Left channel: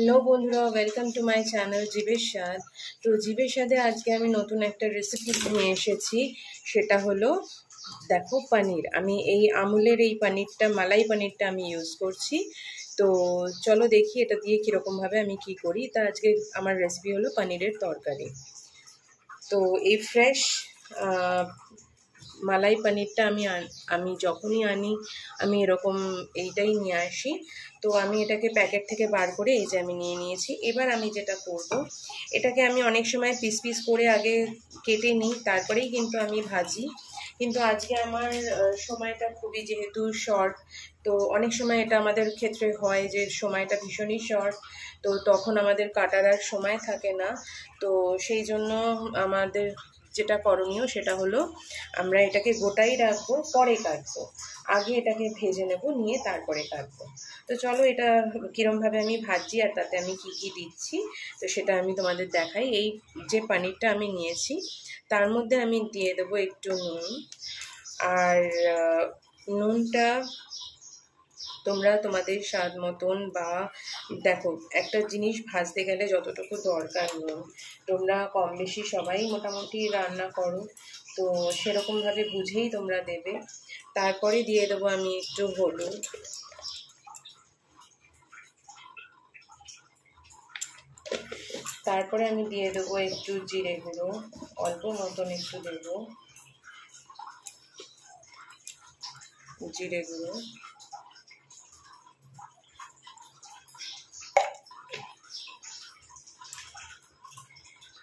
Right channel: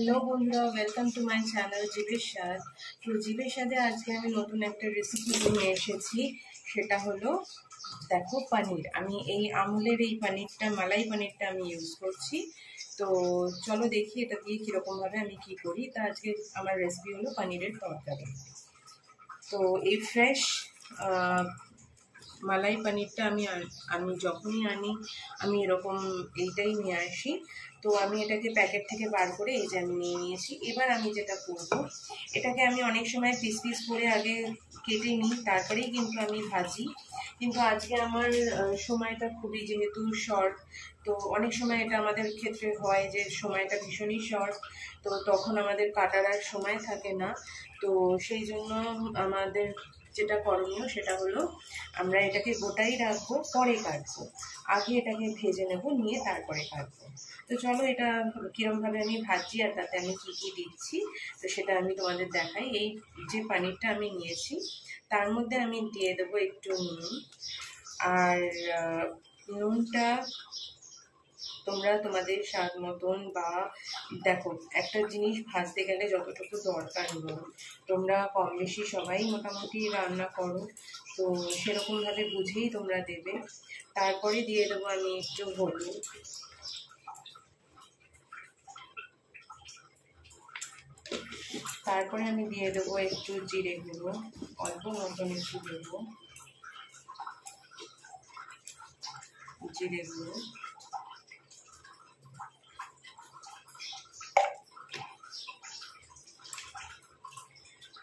Hello বন্ধুরা, welcome to my channel জীবের স্বাদ। তো জীবের স্বাদে আজকে আমি নতুন একটা রেসিপি নিয়ে এসেছি। সেটা হলো দেখো পনির। আমি এই আমুলের এই পনিরটা, মালাই পনিরটা আমি ইউজ করছি। তো চলো দেখি এটা দিয়ে কীরকমভাবে আমি কি করি। তা আজকে আমার রেসিপি হলো পনিরের তরকারি। তো এই ফ্রেশ মালাই পনিরটা আমি যখনই আনি আমি এরকম এইটাই নিয়ে আসি। তো আমি এটাকে প্যাকেট থেকে বার করে এই যে আমি নিয়ে নিয়েছি। এবার আমি যেটা করব, এটাকে আমি অনেক সময় পিস পিস করে আগে কেটে নিই, তারপরেই কিন্তু আমি ভাজি। কিন্তু আজকে আমার সময়টা খুবই যেহেতু শর্ট, তো অনেক সময় এটা আমাদের ক্ষেত্রে হয় যে সময়টা ভীষণই শর্ট, তো তখন আমাদের কাটার আর সময় থাকে না। তো সেই জন্য আমাদের যেটা করণীয় সেটা হলো আমরা এটাকে গোটাই রাখবো, পরে কাটবো। আগে এটাকে ভেজে নেব, নিয়ে তারপরে কাটবো। তো চলো এটা কীরমভাবে আমি ভাজি আর তাতে আমি কি কি দিচ্ছি তো সেটা আমি তোমাদের দেখাই। এই যে পনিরটা আমি নিয়েছি তার মধ্যে আমি দিয়ে দেবো একটু নুন। আর নুনটা তোমরা তোমাদের স্বাদ মতন, বা দেখো একটা জিনিস ভাজতে গেলে যতটুকু দরকার নুন, তোমরা কম বেশি সবাই মোটামুটি রান্না করো, তো সেরকমভাবে বুঝেই তোমরা দেবে। তারপরে দিয়ে দেবো আমি একটু হলুদ, তারপরে আমি দিয়ে দেবো একটু জিরে গুঁড়ো, অল্প মতন একটু দেবো জিরে গুঁড়ো।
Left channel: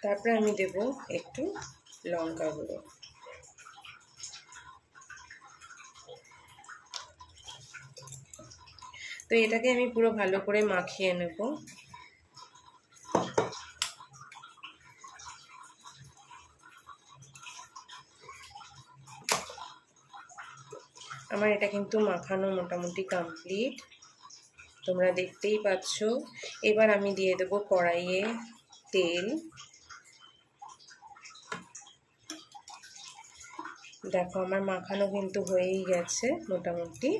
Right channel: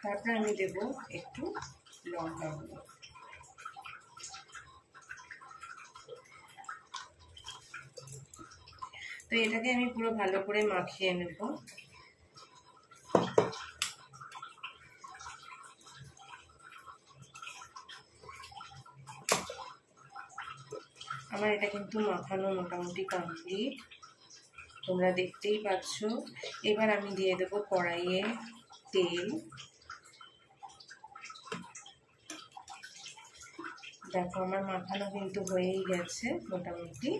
তারপরে আমি দেব একটু লঙ্কা গুঁড়ো। তো এটাকে আমি পুরো ভালো করে মাখিয়ে নেব। আমার এটা কিন্তু মাখানো মোটামুটি কমপ্লিট, তোমরা দেখতেই পাচ্ছ। এবার আমি দিয়ে দেব কড়াইয়ে তেল। দেখো আমার মাখানো কিন্তু হয়েই গেছে মোটামুটি।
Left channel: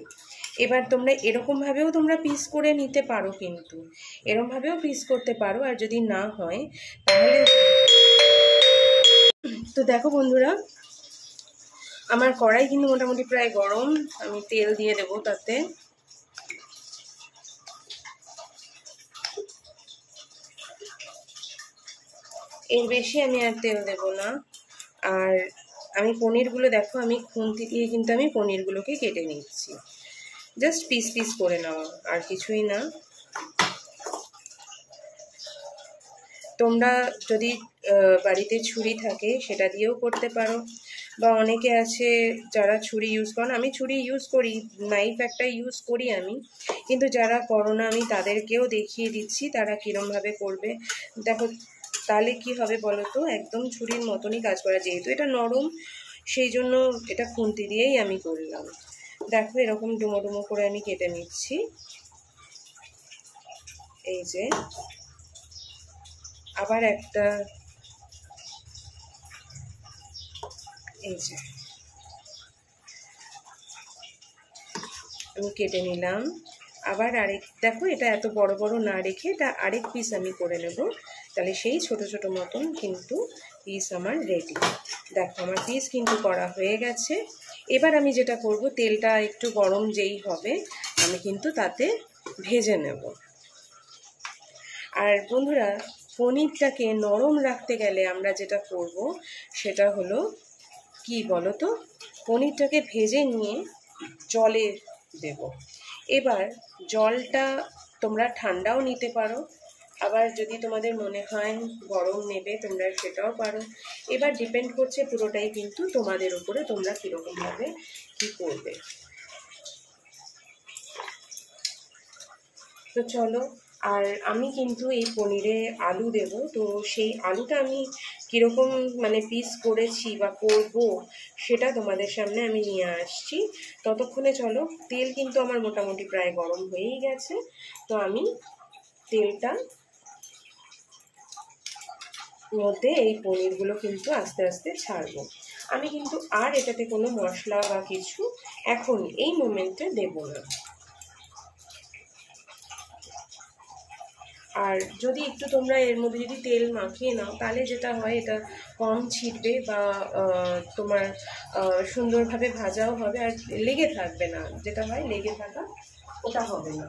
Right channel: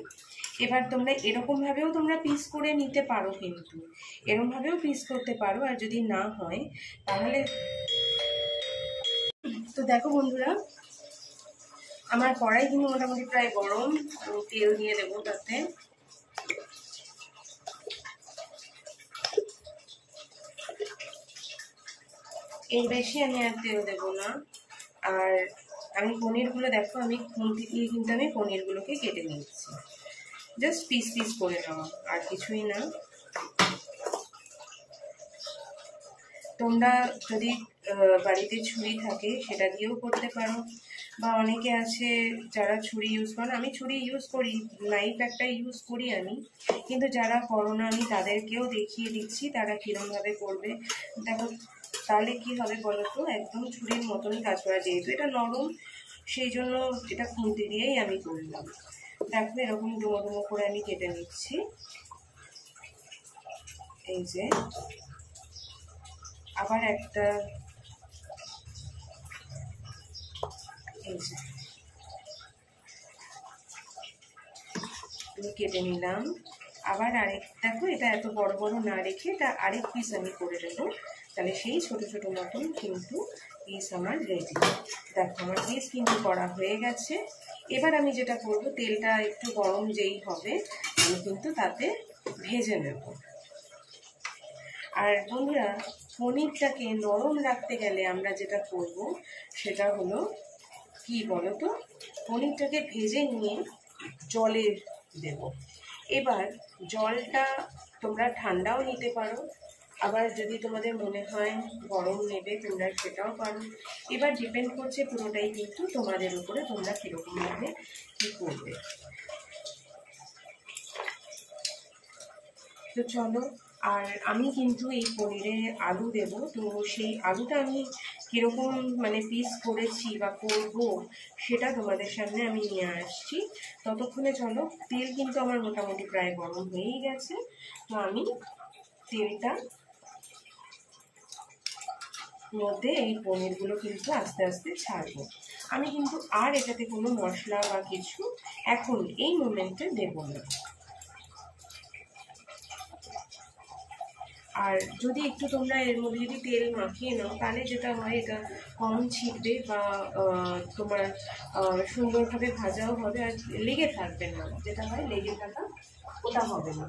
এবার তোমরা এরকমভাবেও তোমরা পিস করে নিতে পারো, কিন্তু এরকমভাবেও পিস করতে পারো। আর যদি না হয় তাহলে তো দেখো বন্ধুরা, আমার কড়াই কিন্তু মোটামুটি প্রায় গরম। আমি তেল দিয়ে দেবো তাতে। এর বেশি আমি আর তেল দেব না। আর আমি পনিরগুলো দেখো আমি খুন্তি দিয়ে কিন্তু আমি পনিরগুলোকে কেটে নিচ্ছি, জাস্ট পিস পিস করে নেওয়া, আর কিছুই না। তোমরা যদি বাড়িতে ছুরি থাকে সেটা দিয়েও করতে পারো, বা অনেকে আছে যারা ছুরি ইউজ করেন। আমি ছুরি ইউজ করি, নাইফ একটা ইউজ করি আমি, কিন্তু যারা করো না আমি তাদেরকেও দেখিয়ে দিচ্ছি তারা কীরমভাবে করবে। দেখো তাহলে কি হবে বলো তো, একদম ছুরির মতনই কাজ করা। যেহেতু এটা নরম সেই জন্য এটা খুন্তি দিয়েই আমি করলাম। দেখো এরকম ডুমো ডুমো করে আমি কেটে নিচ্ছি। এই যে আবার একটা, এই যে আমি কেটে নিলাম। আবার আরেক, দেখো এটা এত বড় বড় না রেখে এটা আরেক পিস আমি করে নেব, তাহলে সেই ছোট ছোট মতন কিন্তু পিস আমার রেডি। দেখো আমার পিস কিন্তু করা হয়ে গেছে। এবার আমি যেটা করব, তেলটা একটু গরম যেই হবে আমি কিন্তু তাতে ভেজে নেব। আর বন্ধুরা, পনিরটাকে নরম রাখতে গেলে আমরা যেটা করব সেটা হলো কি বলো তো, পনিরটাকে ভেজে নিয়ে জলে দেব। এবার জলটা তোমরা ঠান্ডাও নিতে পারো, আবার যদি তোমাদের মনে হয় গরম নেবে তোমরা সেটাও পারো। এবার ডিপেন্ড করছে পুরোটাই কিন্তু তোমাদের উপরে, তোমরা কীরকমভাবে কী করবে। তো চলো, আর আমি কিন্তু এই পনিরে আলু দেব, তো সেই আলুটা আমি কীরকম মানে পিস করেছি বা করব সেটা তোমাদের সামনে আমি নিয়ে আসছি। ততক্ষণে চলো, তেল কিন্তু আমার মোটামুটি প্রায় গরম হয়েই গেছে। তো আমি তেলটা মধ্যে এই পনিরগুলো কিন্তু আস্তে আস্তে ছাড়বো। আমি কিন্তু আর এটাতে কোনো মশলা বা কিছু এখন এই মোমেন্টে দেব না। আর যদি একটু তোমরা এর মধ্যে যদি তেল মাখিয়ে নাও তাহলে যেটা হয় এটা কম ছিটবে বা তোমার সুন্দরভাবে ভাজাও হবে আর লেগে থাকবে না, যেটা হয় লেগে থাকা ওটা হবে না।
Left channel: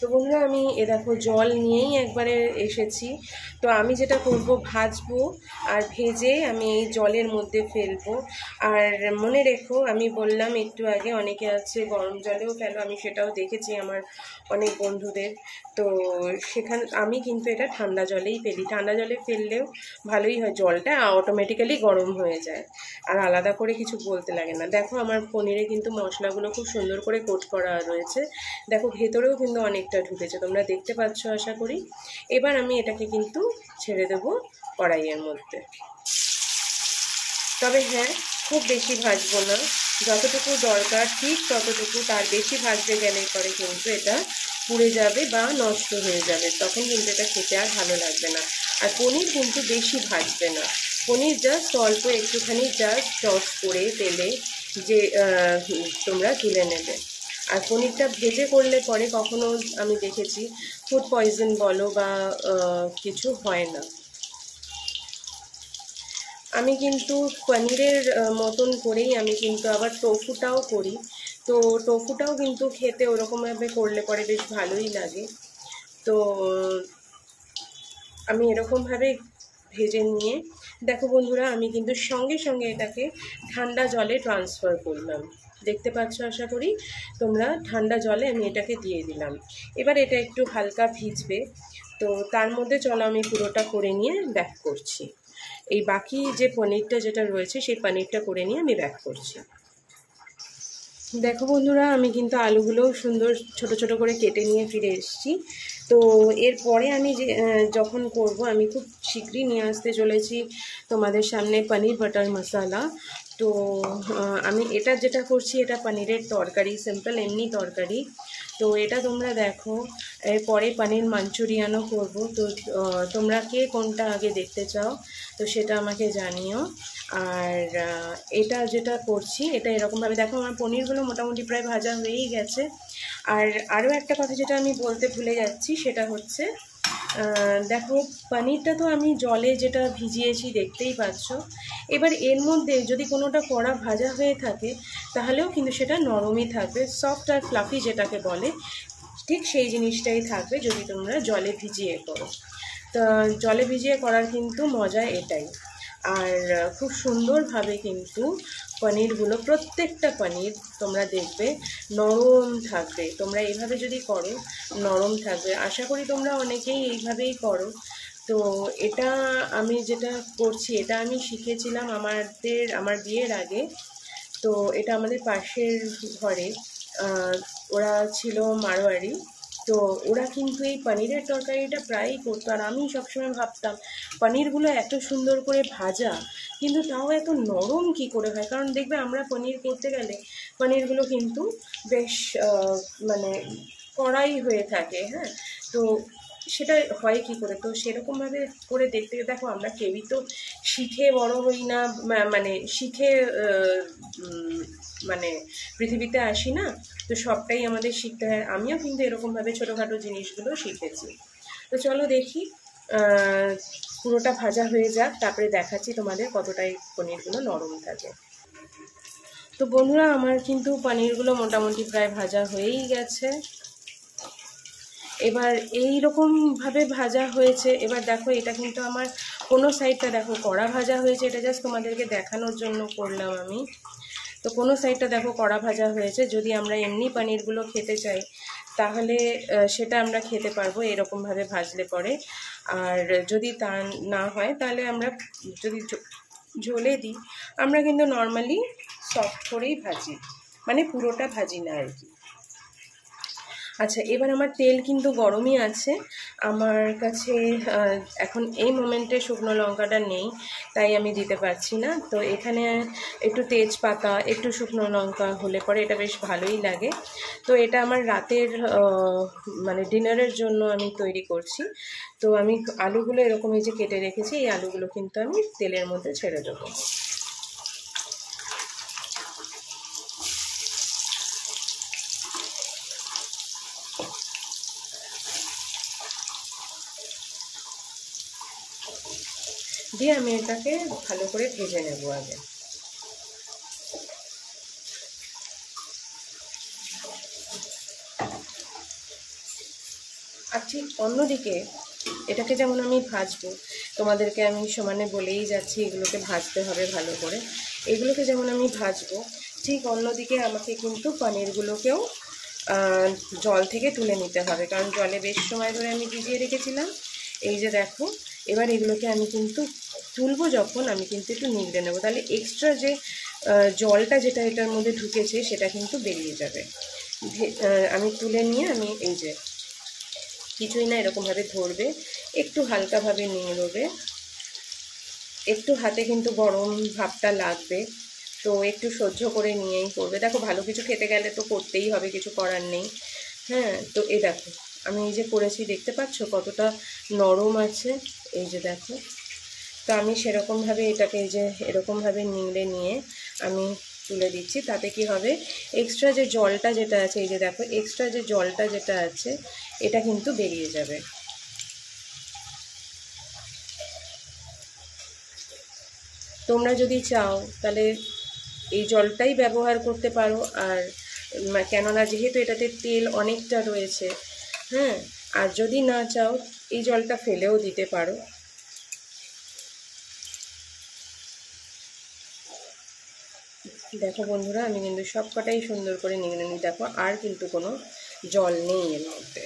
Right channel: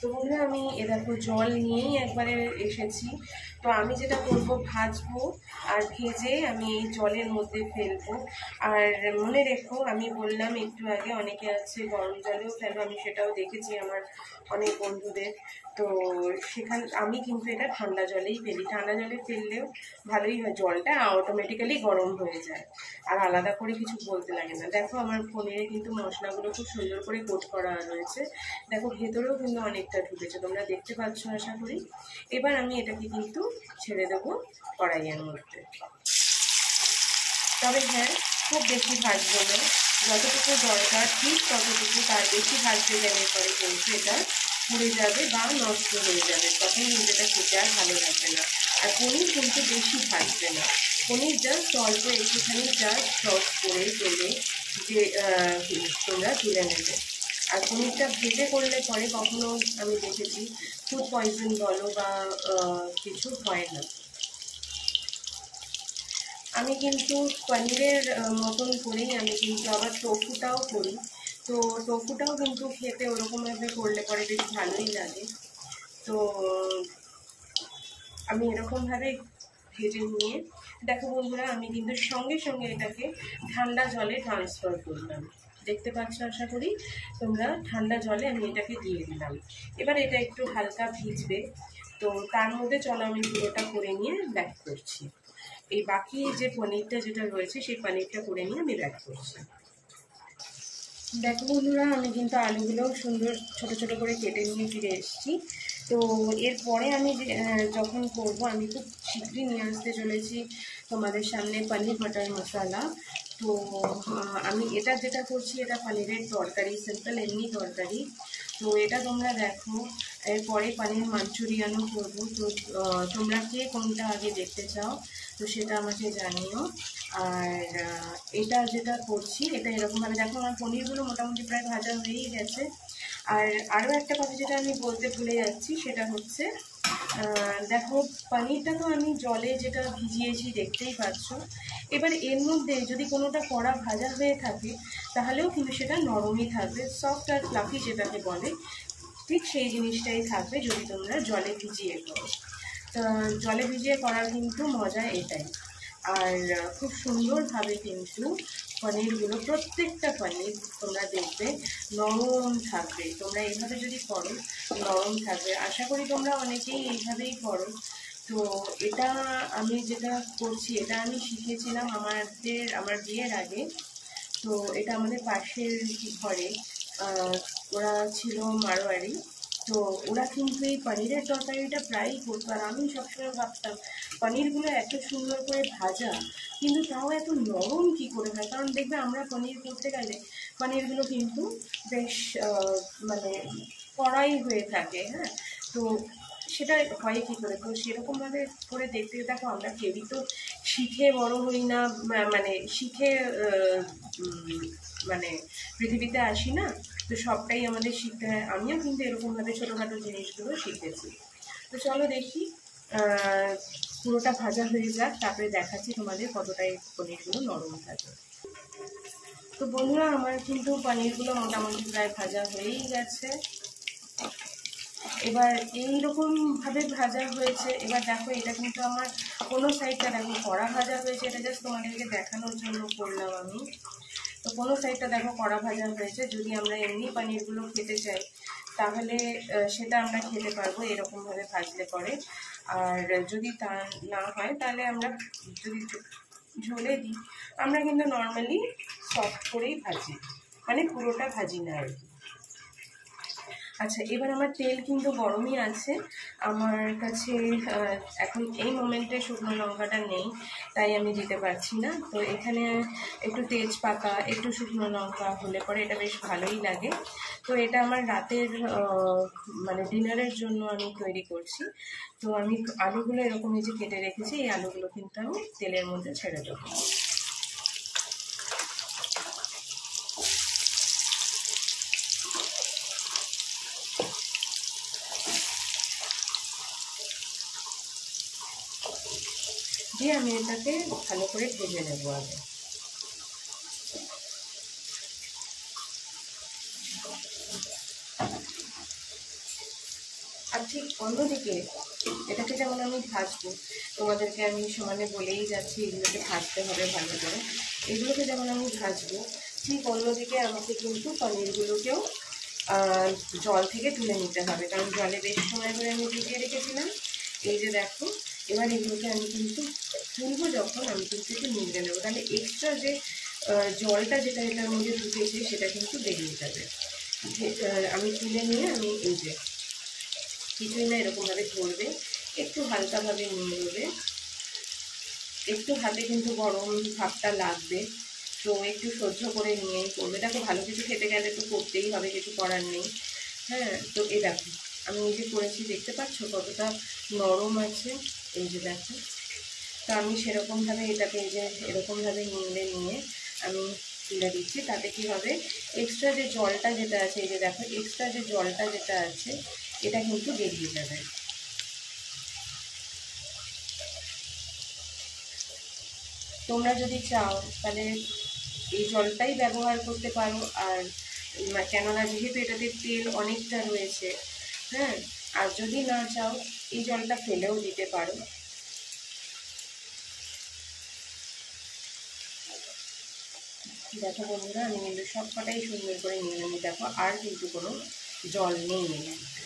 তো বন্ধুরা আমি দেখো জল নিয়েই একবারে এসেছি। তো আমি যেটা করব ভাজবো আর ভেজে আমি এই জলের মধ্যে ফেলবো। আর মনে রেখো আমি বললাম একটু আগে অনেকে আছে গরম জলেও ফেলো, আমি সেটাও দেখেছি আমার অনেক বন্ধুদের। তো আমি কিন্তু এটা ঠান্ডা জলেই ফেলি। ঠান্ডা জলে ফেললেও ভালোই হয়, জলটা অটোমেটিক্যালি গরম হয়ে যায় আর আলাদা করে কিছু বলতে লাগে না। দেখো আমার পনিরে কিন্তু মশলাগুলো খুব সুন্দর করে কোট করা রয়েছে, দেখো ভেতরেও কিন্তু অনেকটা ঢুকেছে, তোমরা দেখতে পাচ্ছ আশা করি। এবার আমি এটাকে কিন্তু ছেড়ে দেবো কড়াইয়ের মধ্যে। তবে হ্যাঁ, খুব বেশি ভাজবো না, যতটুকু দরকার ঠিক ততটুকু, তার বেশি ভাজতে গেলে পরে কিন্তু এটা পুড়ে যাবে বা নষ্ট হয়ে যাবে, তখন কিন্তু এটা খেতে আর ভালো লাগবে না। আর পনির কিন্তু বেশি ভাজবে না, পনির জাস্ট অল্প একটুখানি জাস্ট টস করে তেলে যে তোমরা তুলে নেবে। আর পনিরটা ভেজে করলে পরে কখনো আমি দেখেছি ফুড পয়জন বলো বা কিছু হয় না। আমি কিন্তু পনিরের মতন করেই আমি কিন্তু আবার টোফুটাও করি। তো টোফুটাও কিন্তু খেতে ওরকমভাবে করলে পরে বেশ ভালোই লাগে। তো আমি এরকমভাবে ভেজে নিয়ে দেখো বন্ধুরা আমি কিন্তু সঙ্গে সঙ্গে এটাকে ঠান্ডা জলে ট্রান্সফার করলাম, দেখতে পাচ্ছ আশা করি তোমরা। ঠান্ডা জলে আমি এটাকে দিয়ে দিলাম। এবার এটা একটু হালকা ভিজবে, তো তার মধ্যে চলো আমি পুরোটা করে নিয়ে ব্যাক করছি। এই বাকি যে পনিরটা যেটা রয়েছে সেই পনিরটা করে নিয়ে আমি ব্যাক করছি। দেখো বন্ধুরা আমি কিন্তু আলুগুলো সুন্দর ছোট ছোট করে কেটে নিয়ে ফিরে এসেছি। তো এরপরে আমি যখন করব আমি খুব শীঘ্রই নিয়ে আসতে চলেছি তোমাদের সামনে পনির বাটার মশলা। তো আমি এটা যেটা করছি এটা পনিরের তরকারি, সিম্পল এমনি তরকারি। তো এটা তোমরা দেখো, এরপরে পনির মাঞ্চুরিয়ানও করব। তো তোমরা কে কোনটা আগে দেখতে চাও তো সেটা আমাকে জানিও। আর এটা যেটা করছি এটা এরকমভাবে দেখো আমার পনিরগুলো মোটামুটি প্রায় ভাজা হয়েই গেছে। আর আরও একটা কথা যেটা আমি বলতে ভুলে যাচ্ছি সেটা হচ্ছে দেখো পনিরটা তো আমি জলে যেটা ভিজিয়েছি দেখতেই পাচ্ছ। এবার এর মধ্যে যদি কোনোটা কড়া ভাজা হয়ে থাকে তাহলেও কিন্তু সেটা নরমই থাকবে, সফট আর ফ্লাফি যেটাকে বলে ঠিক সেই জিনিসটাই থাকবে যদি তোমরা জলে ভিজিয়ে করো। তো জলে ভিজিয়ে করার কিন্তু মজা এটাই। আর খুব সুন্দরভাবে কিন্তু পনিরগুলো প্রত্যেকটা পনির তোমরা দেখবে নরম থাকবে, তোমরা এইভাবে যদি করো নরম থাকবে। আশা করি তোমরা অনেকেই এইভাবেই করো। তো এটা আমি যেটা করছি এটা আমি শিখেছিলাম আমার বিয়ের আগে। তো এটা আমাদের পাশের ঘরে ওরা ছিল মারোয়ারি। তো ওরা কিন্তু এই পনিরের তরকারিটা প্রায়ই করতো আর আমি সবসময় ভাবতাম পনিরগুলো এত সুন্দর করে ভাজা কিন্তু তাও এত নরম কি করে হয়, কারণ দেখবে আমরা পনির করতে গেলে পনিরগুলো কিন্তু বেশ মানে কড়াই হয়ে থাকে। হ্যাঁ, তো সেটা হয় কি করে, তো সেরকমভাবে করে দেখতে দেখো আমরা কেউই তো শিখে বড় হই না, মানে শিখে মানে পৃথিবীতে আসি না। তো সবটাই আমাদের শিখতে হয়, আমিও কিন্তু এরকমভাবে ছোটোখাটো জিনিসগুলো শিখেছি। তো চলো দেখি পুরোটা ভাজা হয়ে যাক, তারপরে দেখাচ্ছি তোমাদের কতটাই পনিরগুলো নরম থাকে। তো বন্ধুরা আমার কিন্তু পনিরগুলো মোটামুটি প্রায় ভাজা হয়েই গেছে। এবার এই রকমভাবে ভাজা হয়েছে। এবার দেখো এটা কিন্তু আমার কোনো সাইডটা দেখো কড়া ভাজা হয়েছে, এটা জাস্ট তোমাদেরকে দেখানোর জন্য করলাম আমি। তো কোনো সাইডটা দেখো কড়া ভাজা হয়েছে, যদি আমরা এমনি পনিরগুলো খেতে চাই তাহলে সেটা আমরা খেতে পারবো এরকমভাবে ভাজলে পরে। আর যদি তা না হয় তাহলে আমরা যদি ঝোলে দিই আমরা কিন্তু নর্মালি সফট করেই ভাজি, মানে পুরোটা ভাজি না আর কি। আচ্ছা, এবার আমার তেল কিন্তু গরমই আছে। আমার কাছে এখন এই মোমেন্টে শুকনো লঙ্কাটা নেই, তাই আমি দিতে পারছি না। তো এখানে একটু তেজপাতা, একটু শুকনো লঙ্কা হলে পরে এটা বেশ ভালোই লাগে। তো এটা আমার রাতের মানে ডিনারের জন্য আমি তৈরি করছি। তো আমি আলুগুলো এরকম এই যে কেটে রেখেছি, এই আলুগুলো কিন্তু আমি তেলের মধ্যে ছেড়ে দেবো। দিয়ে আমি এটাকে ভালো করে ভেজে নেব আগে। আর ঠিক অন্যদিকে এটাকে যেমন আমি ভাজবো, তোমাদেরকে আমি সমানে বলেই যাচ্ছি এগুলোকে ভাজতে হবে ভালো করে। এগুলোকে যেমন আমি ভাজবো, ঠিক অন্যদিকে আমাকে কিন্তু পনিরগুলোকেও জল থেকে তুলে নিতে হবে, কারণ জলে বেশ সময় ধরে আমি ভিজিয়ে রেখেছিলাম। এই যে দেখো, এবার এগুলোকে আমি কিন্তু তুলবো যখন, আমি কিন্তু একটু নিগড়ে নেবো, তাহলে এক্সট্রা যে জলটা যেটা এটার মধ্যে ঢুকেছে সেটা কিন্তু বেরিয়ে যাবে। আমি তুলে নিয়ে আমি এই যে কিছুই না এরকমভাবে ধরবে, একটু হালকাভাবে নিংড়বে, একটু হাতে কিন্তু গরম ভাবটা লাগবে, তো একটু সহ্য করে নিয়েই করবে। দেখো, ভালো কিছু খেতে গেলে তো করতেই হবে, কিছু করার নেই। হ্যাঁ, তো এই দেখো আমি এই যে করেছি, দেখতে পাচ্ছ কতটা নরম আছে, এই যে দেখো। তো আমি সেরকমভাবে এটাকে এই যে এরকমভাবে নিংড়ে নিয়ে আমি তুলে দিচ্ছি। তাতে কি হবে, এক্সট্রা যে জলটা যেটা আছে, এই যে দেখো এক্সট্রা যে জলটা যেটা আছে এটা কিন্তু বেরিয়ে যাবে। তোমরা যদি চাও তাহলে এই জলটাই ব্যবহার করতে পারো। আর কেননা যেহেতু এটাতে তেল অনেকটা রয়েছে, হ্যাঁ, আর যদি না চাও এই জলটা ফেলেও দিতে পারো। দেখো বন্ধুরা, আমি কিন্তু সব কটাই সুন্দর করে নিয়ে নিই। দেখো আর কিন্তু কোনো জল নেই এর মধ্যে।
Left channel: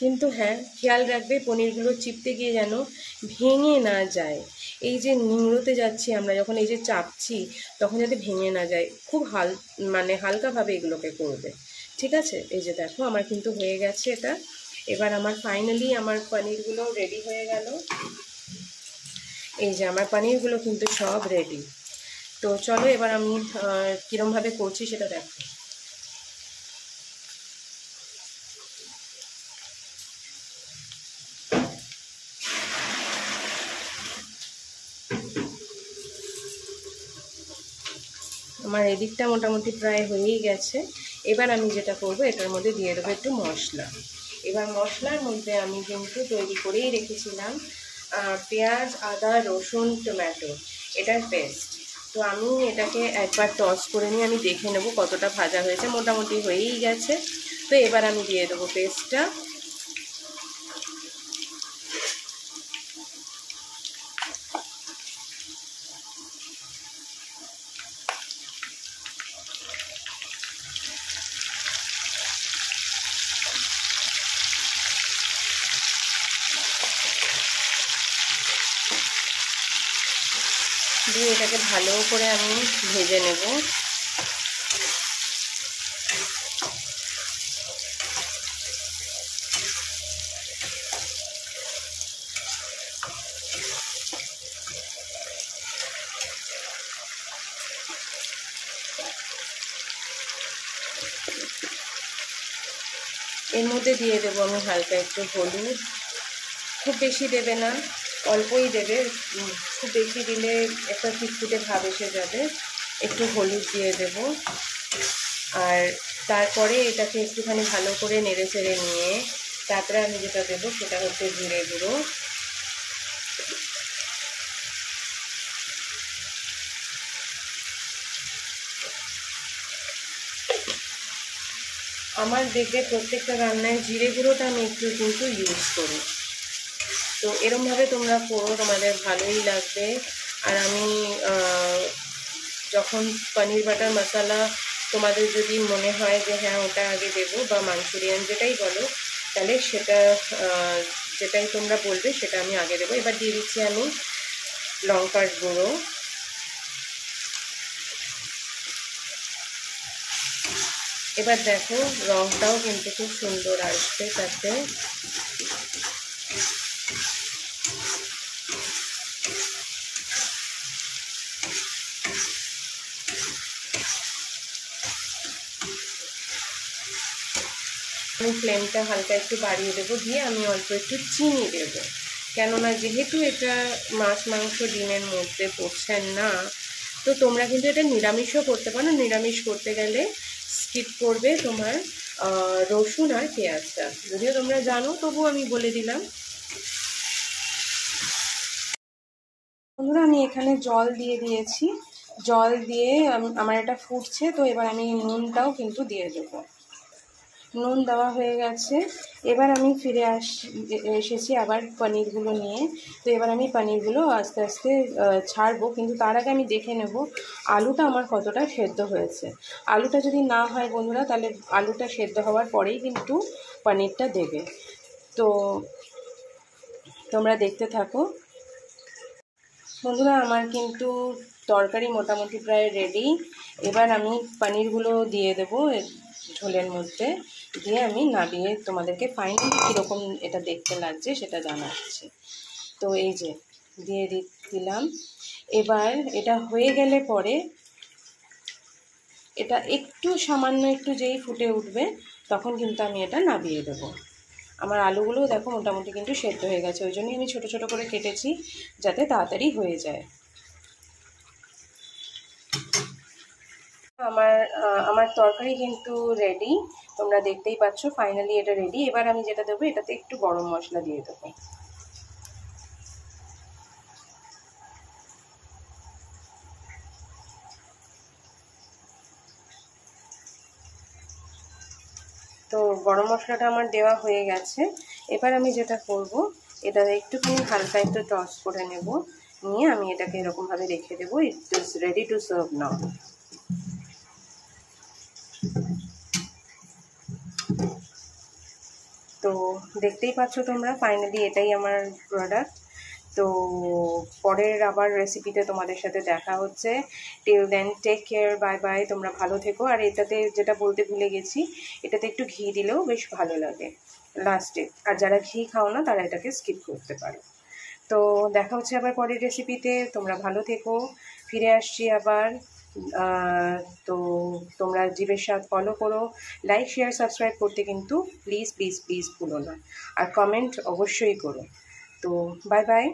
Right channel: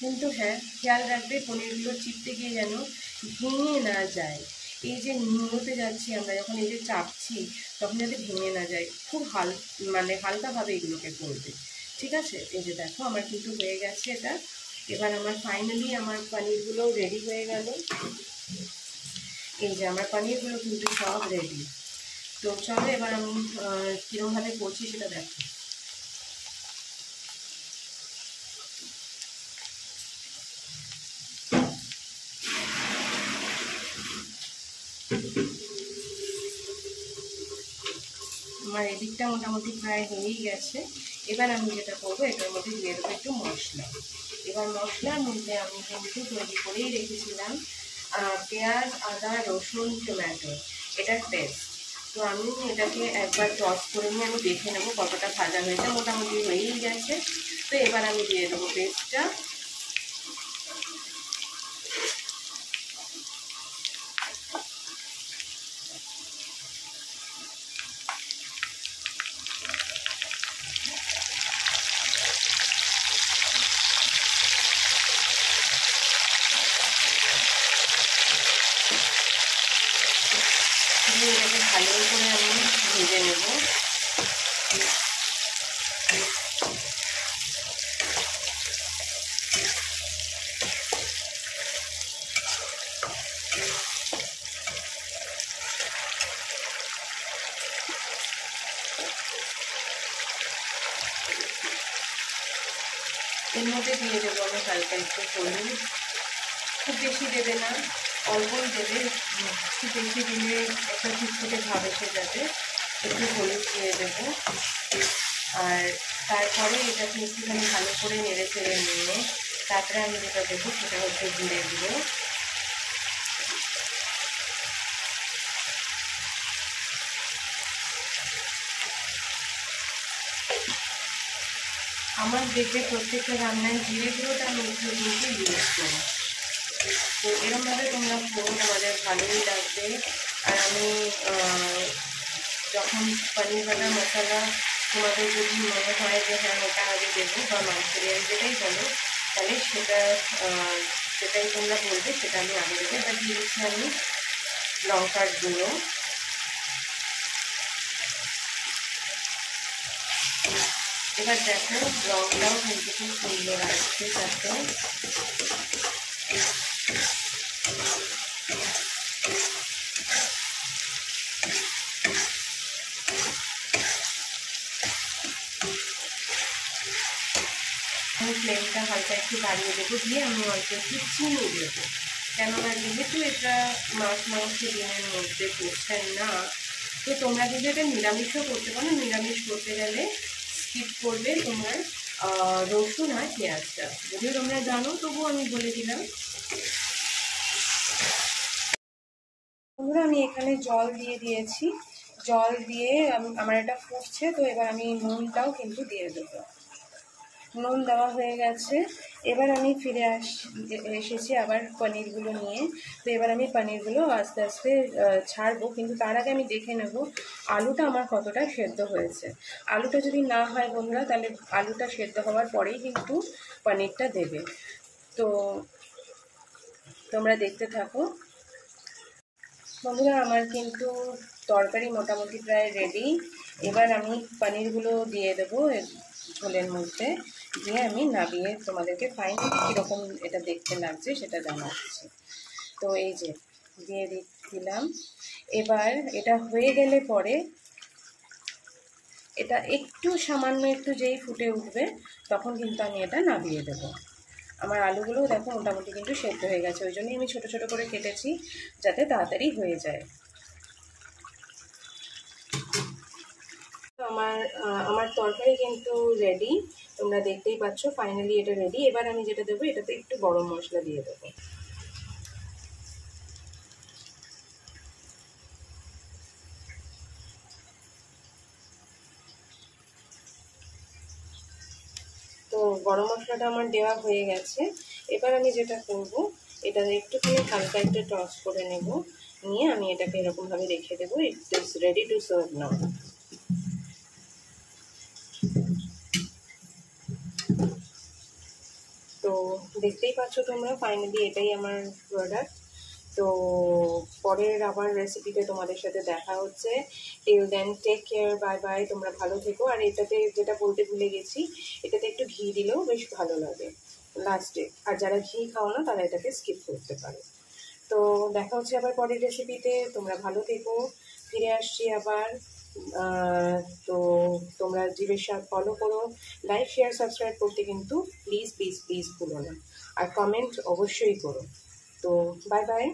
কিন্তু হ্যাঁ, খেয়াল রাখবে পনিরগুলো চিপতে গিয়ে যেন ভেঙে না যায়। এই যে নিংড়োতে যাচ্ছি আমরা যখন, এই যে চাপছি, তখন যাতে ভেঙে না যায়। খুব মানে হালকাভাবে এগুলোকে করবে, ঠিক আছে? এই যে দেখো আমার কিন্তু হয়ে গেছে এটা। এবার আমার ফাইনালি আমার পনিরগুলো রেডি হয়ে গেল। এই যে আমার পনিরগুলো কিন্তু সব রেডি। তো চলো এবার আমি কীরমভাবে করছি সেটা দেখো। আমার এদিকটা মোটামুটি প্রায় হয়েই গেছে। এবার আমি যেটা করব, এটার মধ্যে দিয়ে দেবো একটু মশলা। এবার মশলার মধ্যে আমি কিন্তু তৈরি করেই রেখেছিলাম পেঁয়াজ, আদা, রসুন, টমেটো, এটার পেস্ট। তো আমি এটাকে একবার টস করে নিয়ে আমি দেখে নেবো কতটা ভাজা হয়েছে। মোটামুটি হয়েই গেছে। তো এবার আমি দিয়ে দেবো পেস্টটা। দিয়ে এটাকে ভালো করে আমি ভেজে নেব। এর মধ্যে দিয়ে দেবো আমি হালকা একটু হলুদ। খুব বেশি দেবে না, অল্পই দেবে। খুব বেশি দিলে একটা ফুটফুটে ভাব এসে যাবে। একটু হলুদ দিয়ে দেব। আর তারপরে এটাকে একটুখানি ভালো করে নেড়ে চেড়ে নিয়ে তারপরে আমি যেটা দেবো সেটা হচ্ছে জিরে গুঁড়ো। আমার দেখবে প্রত্যেকটা রান্নায় জিরে গুঁড়োটা আমি একটু কিন্তু ইউজ করি। তো এরমভাবে তোমরা করো, তোমাদের ভালোই লাগবে। আর আমি যখন পনির বাটার মশলা তোমাদের যদি মনে হয় যে হ্যাঁ ওটা আগে দেবো, বা মাঞ্চুরিয়ান যেটাই বলো, তাহলে সেটা যেটাই তোমরা বলবে সেটা আমি আগে দেবো। এবার দিয়ে দিচ্ছি আমি লঙ্কার গুঁড়ো, এবার দেখো রংটাও কিন্তু খুব সুন্দর আসছে তাতে। আমি ফ্লেমটা হালকা একটু বাড়িয়ে দেবো, দিয়ে আমি অল্প একটু চিনি দেবো, কেননা যেহেতু এটা মাছ মাংস ডিমের মধ্যে পড়ছেন না, তো তোমরা কিন্তু এটা নিরামিষও করতে পারো। নিরামিষ করতে গেলে স্কিপ করবে তোমার রসুন আর পেঁয়াজটা, যদিও তোমরা জানো তবু আমি বলে দিলাম। বন্ধুরা আমি এখানে জল দিয়ে দিয়েছি, জল দিয়ে আমার এটা ফুটছে, তো এবার আমি নুনটাও কিন্তু দিয়ে দেবো। নুন দেওয়া হয়ে গেছে। এবার আমি ফিরে এসেছি আবার পনিরগুলো নিয়ে। তো এবার আমি পনিরগুলো আস্তে আস্তে ছাড়বো, কিন্তু তার আগে আমি দেখে নেব আলুটা আমার কতটা সেদ্ধ হয়েছে। আলুটা যদি না হয় বন্ধুরা, তাহলে আলুটা সেদ্ধ হওয়ার পরেই কিন্তু পনিরটা দেবে। তো তোমরা দেখতে থাকো। বন্ধুরা আমার কিন্তু তরকারি মোটামুটি প্রায় রেডি। এবার আমি পনিরগুলো দিয়ে দেবো ঝোলের মধ্যে, দিয়ে আমি নামিয়ে তোমাদেরকে ফাইনালি কীরকম এটা দেখতে লাগছে সেটা জানাচ্ছি। তো এই যে দিয়ে দিলাম। এবার এটা হয়ে গেলে পরে এটা একটু সামান্য একটু যেই ফুটে উঠবে তখন কিন্তু আমি এটা নামিয়ে দেবো। আমার আলুগুলোও দেখো মোটামুটি কিন্তু সেদ্ধ হয়ে গেছে, ওই জন্যই আমি ছোটো ছোটো করে কেটেছি যাতে তাড়াতাড়ি হয়ে যায়। আমার তরকারি কিন্তু রেডি, তোমরা দেখতেই পাচ্ছ ফাইনালি এটা রেডি। এবার আমি যেটা দেবো, এটাতে একটু গরম মশলা দিয়ে দেবো। তো গরম মশলাটা আমার দেওয়া হয়ে গেছে। এবার আমি যেটা করব, এটাতে একটুখানি হালকা একটু টস করে নেব, নিয়ে আমি এটাকে এরকমভাবে রেখে দেবো। It is ready to serve now. তো দেখতেই পাচ্ছ তোমরা ফাইনালি এটাই আমার প্রোডাক্ট। তো পরের আবার রেসিপিতে তোমাদের সাথে দেখা হচ্ছে। Till then take care, bye bye, তোমরা ভালো থেকো। আর এটাতে যেটা বলতে ভুলে গেছি, এটাতে একটু ঘি দিলেও বেশ ভালো লাগে লাস্টে। আর যারা ঘি খাও না তারা এটাকে স্কিপ করতে পারো। তো দেখা হচ্ছে আবার পরের রেসিপিতে, তোমরা ভালো থেকো। ফিরে আসছি আবার। তো তোমরা জিভের স্বাদ ফলো করো, লাইক শেয়ার সাবস্ক্রাইব করতে কিন্তু প্লিজ প্লিজ প্লিজ ভুলো না, আর কমেন্ট অবশ্যই করো। তো বাই বাই।